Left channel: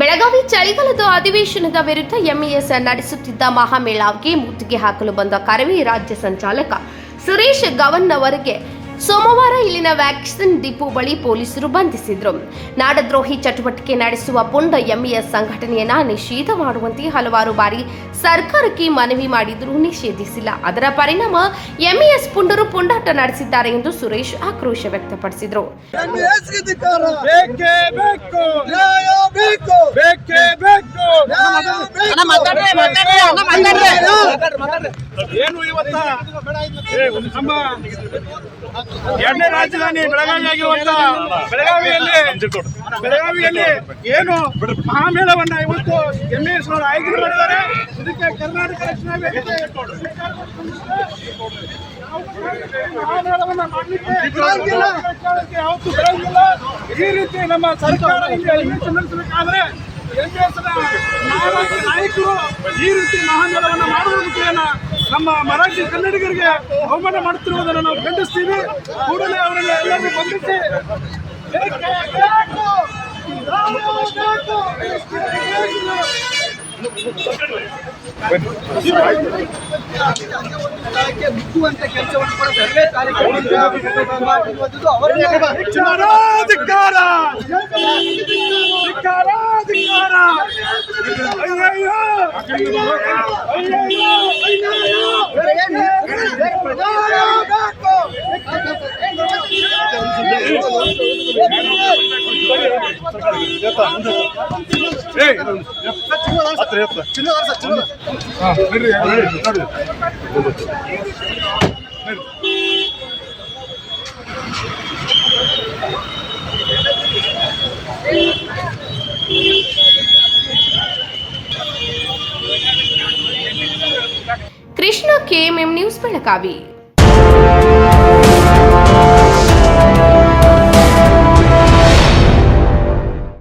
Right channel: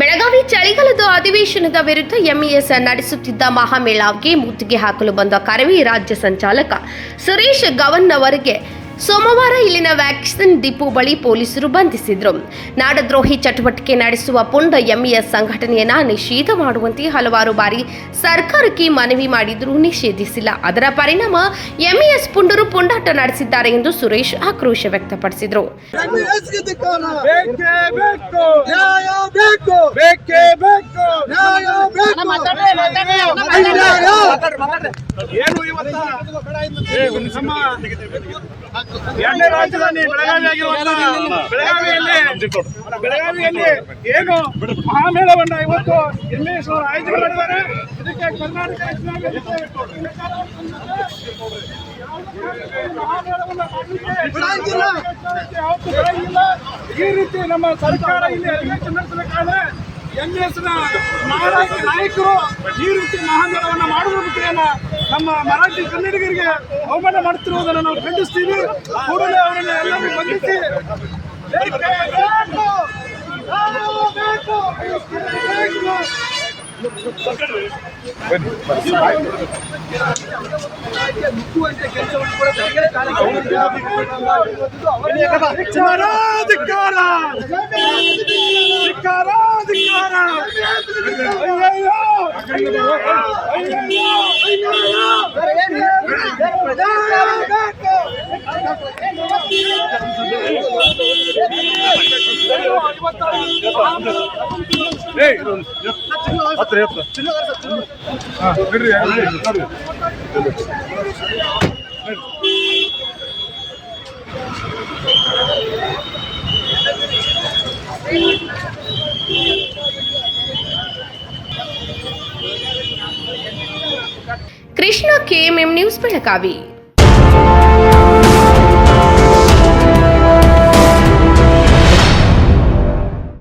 ಬೆಳಗಾವಿ ಚಳಿಗಾಲದ ಅಧಿವೇಶನದ ವಿರುದ್ಧ ಎಂಇಎಸ್ ನಡೆಸುತ್ತಿದ್ದ ಮಹಾಮೇಳಾವ್ಗೆ ಮುತ್ತಿಗೆ ಹಾಕಲು ಬಂದ ಕರವಿ ರಾಜ್ಯ ಸಂಚಾಲಕ ಸುರೇಶ್ ಗವನ್ ಅವರಿಗೆ ಸೋಮವಾರ ಇಲ್ಲಿನ ವ್ಯಾಕ್ಸಿನ್ ಡಿಪೋ ಬಳಿ ಪೊಲೀಸರು ಬಂಧಿಸಿದ್ರು. ನಾಡದ್ರೋಹಿ ಚಟುವಟಿಕೆ ನಡೆಸುವ ಪುಂಡ ಎಂಇಎಸ್ ಸಂಘಟನೆಯನ್ನ ನಿಷೇಧ ಮಾಡುವಂತೆ ಹಲವಾರು ಬಾರಿ ಸರ್ಕಾರಕ್ಕೆ ಮನವಿ ಮಾಡಿದರೂ ನಿಷೇಧಿಸಿಲ್ಲ. ಅದರ ಪರಿಣಾಮ ಎಂಇಎಸ್ ಪುಂಡರು ಪುಂಡಾಟ ನಡೆಸಿದ್ದಾರೆ ಎಂದು ಸುರೇಶ್ ಆಕ್ರೋಶ ವ್ಯಕ್ತಪಡಿಸಿದರು. ಬೇಕು. ಬೇಕು. ಏನು ಇವತ್ತ? ನಮ್ಮ ಎರಡನೇ ರಾಜಧಾನಿ ಬೆಳಗಾವಿ ಆಗಿರುವಂತ ಬೆಳಗಾವಿಯಲ್ಲಿ ಬೆಳಗಾವಿಯಲ್ಲಿ ಏನು ಮಹಾಮೇಳವನ್ನ ಇವತ್ತು ಎಂ. ಎಸ್. ಅವರು ಆಯೋಜನೆ ಮಾಡಿದ್ದಾರೆ. ಇದಕ್ಕೆ ಕರ್ನಾಟಕ ರಕ್ಷಣಾ ವೇದಿಕೆ. ಯಾವತ್ತೂ ಬಿಡಂಗಿಲ್ಲ ಈ ರೀತಿ ನಮ್ಮ ಸರ್ಕಾರ ಇಲ್ಲಿ ಅಧಿವೇಶನ ನಡೆಸಬೇಕಾದ್ರೆ ನಾಯಕರು ಈ ರೀತಿ ಮಹಾಮೇಳವನ್ನ ಮಾಡುವ ಮುಖೇನ ನಮ್ಮ ಮರಾಠಿ ಕನ್ನಡಿಗರಿಗೆ ಅವಮಾನ ಮಾಡುತ್ತಿರುವುದನ್ನು ನಾವು ಖಂಡಿಸ್ತೀವಿ. ಕೂಡಲೇ ಅವರನ್ನು ಎಲ್ಲರೂ ಬಂಧಿಸಿ. ಮುಟ್ಟುವಂತ ಕೆಲಸವನ್ನು ಕೂಡ ಸರ್ಕಾರ ಕಾರ್ಯಕ್ರಮ ಅಯ್ಯಯ್ಯೋ. कृष्ण के मेम न्यूज़ पर लगावी।